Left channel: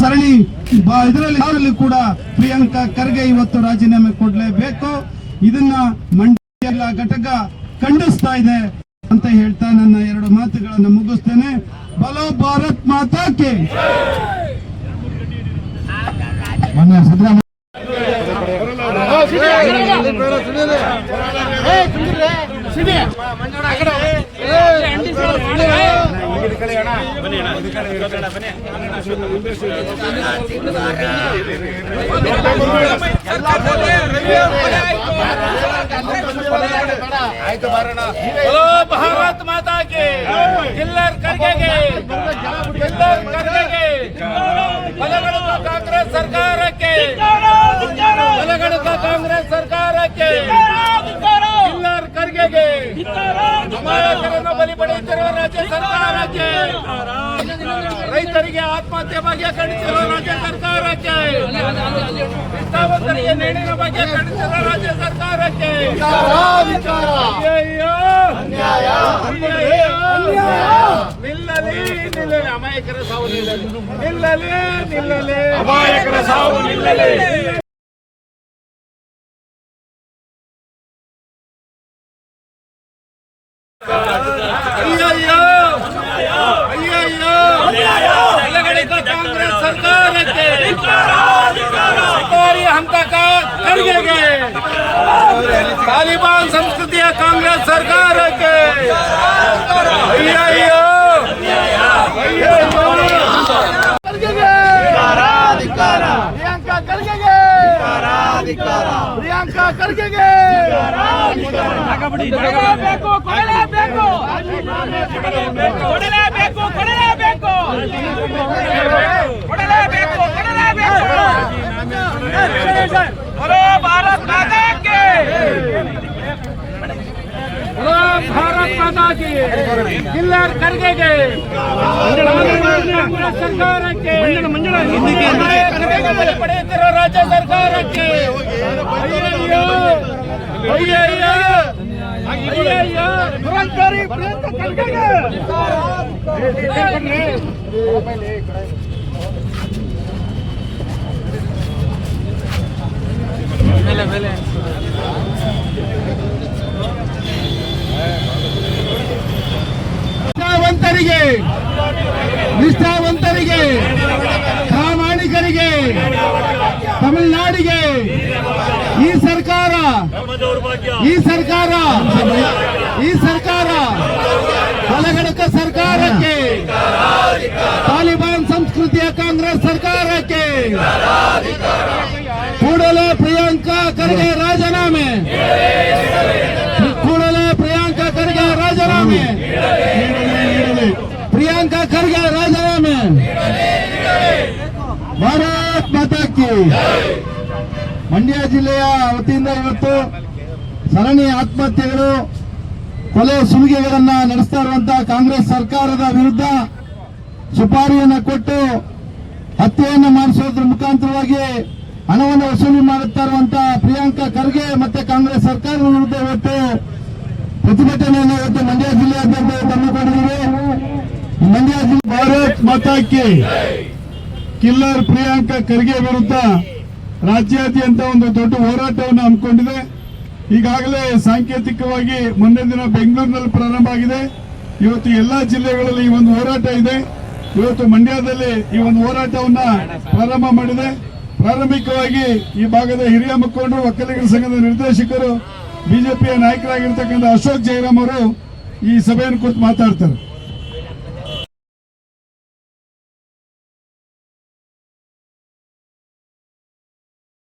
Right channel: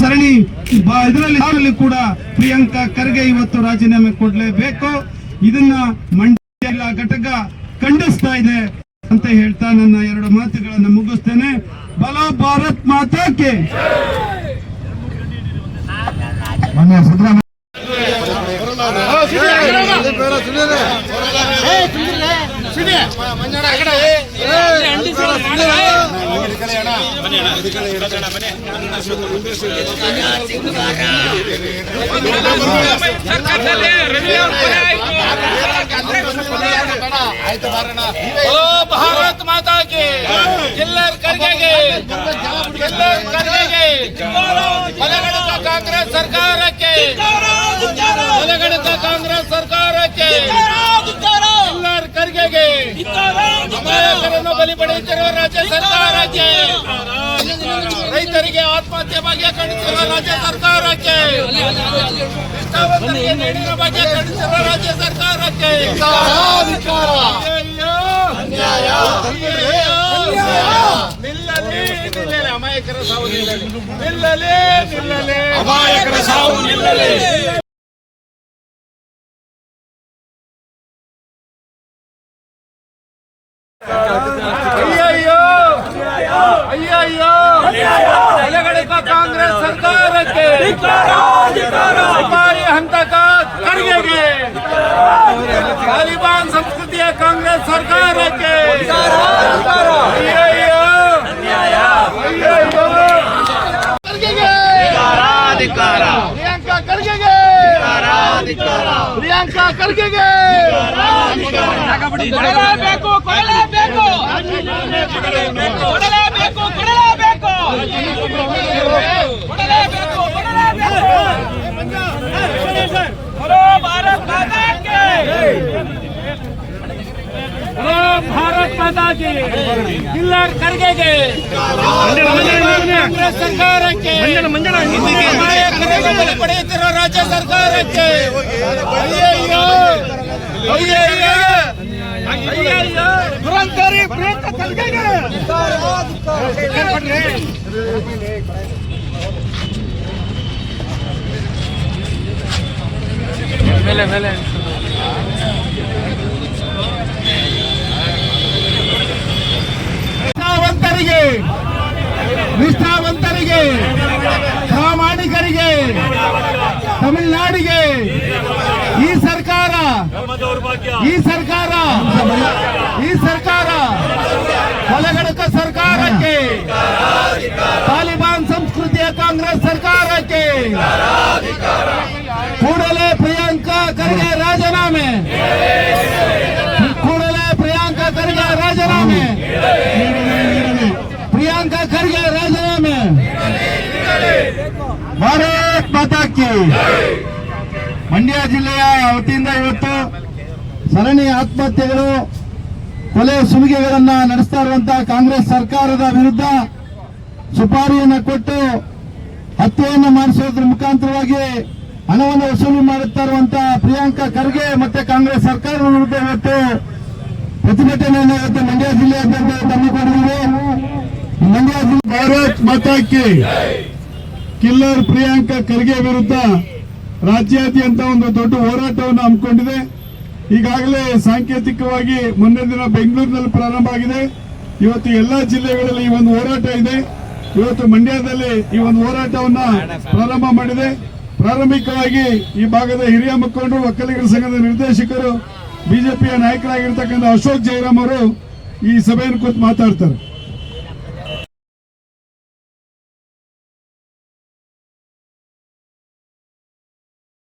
ಸರಣಿ ಇದರಲ್ಲಿ ಕೂಡ ಪ್ರಿಯಾಂಕಾ ಖರ್ಗೆ ಇವತ್ತು ರಾಜೀನಾಮೆ ಕೊಡಲೇಬೇಕು. ಇದನ್ನ ಮಂಡ್ಯ ಘಟಕ ಖಂಡಿಸ್ತಾ ಇದೆ ಅಂತ ಹೇಳ್ತಾ ನನ್ನ ಎರಡು ಮಾತುಗಳನ್ನು ಮುಗಿಸ್ತೇನೆ. ಬಲೋ ಭಾರತ್ ಮಾತಾ ಕೆ. ಭಾರತ್ ಮಾತಾ ಕೆ. ಕಿಲ್ಲರ್ ಖರ್ಗೆಗೆ, ಕಿಲ್ಲರ್ ಖರ್ಗೆಗೆ, ಬಲಗಡಕ ಕಾಂಗ್ರೆಸ್ ಸರ್ಕಾರಕ್ಕೆ, ಬಲಗಡಕ ಕಾಂಗ್ರೆಸ್ ಸರ್ಕಾರಕ್ಕೆ, ಕಿಲ್ಲರ್ ಖರ್ಗೆಗೆ, ಅಮಾಯಕರನ್ನು ಬಲಿ ಪಡೆಯುತ್ತಿರುವ ರಾಜ್ಯ ಸರ್ಕಾರಕ್ಕೆ, ರೈತರಿಗೆ ಆತ್ಮಹತ್ಯೆ ಬಗ್ಗೆ ಖಂಡಿಸಿರುವ ರಾಜ್ಯ ಸರ್ಕಾರಕ್ಕೆ, ನಿಷ್ಠಾವಂತರಿಗೆ ನೀಡಿನ ಬಗ್ಗೆ ಖಂಡಿಸಿರುವ ರಾಜ್ಯ ಸರ್ಕಾರಕ್ಕೆ ನಿಲ್ಲಲಿ ನಿಲ್ಲಲಿ, ಅಮಾಯಕರ ಸಾವು ನಿಲ್ಲಲಿ, ನಿಲ್ಲಲಿ ನಿಲ್ಲಲಿ, ಅಮಾಯಕರ ಸಾವು ನಿಲ್ಲಲಿ. ಅಯ್ಯಯ್ಯೋ ಅಯ್ಯಯ್ಯೋ, ಬಲಗಡೆಕ ಕಾಂಗ್ರೆಸ್ ಸರ್ಕಾರಕ್ಕೆ, ಸುಪಾರಿ ಹಂತಕ ಖರ್ಗೆಗೆ, ತಾಲಿಬಾನ್ ಸಂಸ್ಕೃತಿಯ ಕಾಂಗ್ರೆಸ್ ಸರ್ಕಾರಕ್ಕೆ ಅಯ್ಯಯ್ಯೋ ಅಯ್ಯಯ್ಯೋ. ಅಧಿಕಾರ ಪ್ರಿಯಾಂಕಾ ಖರ್ಗೆಗೆ, ಪ್ರಿಯಾಂಕಾ ಖರ್ಗೆಗೆ ಕೊಡಲೇಬೇಕು, ಕೊಡಲೇಬೇಕು, ಕೊಡಲೇಬೇಕು, ಕೊಡಲೇಬೇಕು, ಕೊಡಲೇಬೇಕು, ಕೊಡಲೇಬೇಕು. ಬಲೋ ಭಾರತ್ ಮಾತಾ ಕೆ, ಬಲೋ ಭಾರತ್ ಮಾತಾ ಕೆ. ಕಿಲ್ಲರ್ ಖರ್ಗೆಗೆ, ಕಾಂಗ್ರೆಸ್ ಸರ್ಕಾರಕ್ಕೆ, ಬಲಿ ಪಡೆಯುತ್ತಿರುವ ರಾಜ್ಯ ಸರ್ಕಾರಕ್ಕೆ ಅಯ್ಯಯ್ಯೋ ಅಯ್ಯಯ್ಯೋ ಅಯ್ಯಯ್ಯೋ. ದುರಂಕಾರಿ ಪ್ರಿಯಾಂಕಾ ಖರ್ಗೆಗೆ ನಿಷ್ಠಾವಂತರಿಗೆ, ನಿಷ್ಠಾವಂತರಿಗೆ, ಪ್ರಾಮಾಣಿಕರಿಗೆ, ತಮಿಳುನಾಡಿಗೆ ಈ ಸರ್ಕಾರ, ಈ ಸರ್ಕಾರ, ಈ ಸರ್ಕಾರ, ಬಲಗಡಕ ಸರ್ಕಾರಕ್ಕೆ, ತಾಲಿಬಾನ್ ಸಂಸ್ಕೃತಿಯ ಕಾಂಗ್ರೆಸ್ ಸರ್ಕಾರಕ್ಕೆ ಕೂಡಲೇ ಪ್ರಿಯಾಂಕಾ ಖರ್ಗೆ ರಾಜೀನಾಮೆ, ಕೂಡಲೇ ಪ್ರಿಯಾಂಕಾ ಖರ್ಗೆ ರಾಜೀನಾಮೆ, ಪ್ರಿಯಾಂಕಾ ಖರ್ಗೆ ರಾಜೀನಾಮೆ. ಭಾರತ್ ಮಾತಾ ಕಿ. ಮಂಡ್ಯ ಜಿಲ್ಲೆಯ ವತಿಯಿಂದ ಇವತ್ತು ಸರಣಿ ಆತ್ಮಹತ್ಯೆಗಳು, ಕೊಲೆ ಸುಲಿಗೆಗಳನ್ನ ನಡೆಸ್ತಾ ಇರುವಂತಹ ಕಾಂಗ್ರೆಸ್ ಸರ್ಕಾರದ ವಿರುದ್ಧ ಸುಪಾರಿಯನ್ನು ಕೊಟ್ಟು ಹತ್ಯೆಯನ್ನು ಮಾಡಿಸೋದ್ರ ಮುಖಾಂತರವಾಗಿ ಹಣವನ್ನು ವಸೂಲಿ ಮಾಡುತ್ತಾ ಇರುವಂತಹ ಪ್ರಿಯಾಂಕಾ ಖರ್ಗೆ ಮತ್ತೆ ಕಾಂಗ್ರೆಸ್ ಸರ್ಕಾರದ ವಿರುದ್ಧ ಇವತ್ತು ಪ್ರತಿಭಟನೆಯನ್ನು ಇವತ್ತು ಮಂಡ್ಯ ಜಿಲ್ಲೆಯಾದ್ಯಂತ ಹಮ್ಮಿಕೊಂಡಿದ್ದೇವೆ. ಮಂಡ್ಯ ಜಿಲ್ಲೆ ಭಾರತ್ ಮಾತಾ ಕಿ. ಕಿಲ್ಲರ್ ಪ್ರಿಯಾಂಕಾ ಖರ್ಗೆ ವಿರುದ್ಧ ರಾಜ್ಯಾದ್ಯಂತ ಒಂದು ದೊಡ್ಡ ಹೋರಾಟವನ್ನು ಹಮ್ಮಿಕೊಂಡಿದೆ. ಈಗಾಗಲೇ ಸಾಂಕೇತಿಕವಾಗಿ ಮೊನ್ನೆ ದಿನ ಬೆಂಗಳೂರಿನಲ್ಲಿ ಪ್ರಾರಂಭ ಆಗಿದೆ. ಇವತ್ತು ಎಲ್ಲಾ ಜಿಲ್ಲೆಗಳಲ್ಲಿ ಈ ಒಂದು ಹೋರಾಟ ಇದೆ. ಇವತ್ತು ಮಂಡ್ಯದಲ್ಲಿ ಈ ಒಂದು ಹೋರಾಟವನ್ನ ಪ್ರಾರಂಭ ಮಾಡಿದೆ. ಪ್ರಾರಂಭಿಕವಾಗಿ ಈ ಭಾಗದ ಹಿರಿಯ ಮುಖಂಡರು, ಒಕ್ಕಲಿಗರ ಸಂಘದ ನಿರ್ದೇಶಕರು, ಬಿಜೆಪಿಯ ನಾಯಕರಾಗಿರ್ತಕ್ಕಂಥ ಅಶೋಕ್ ಜೈರಾಮ್ ಅವರು ಈ ಸಭೆಯನ್ನು ಕುರಿತು ಮಾತಾಡ್ತಾರೆ.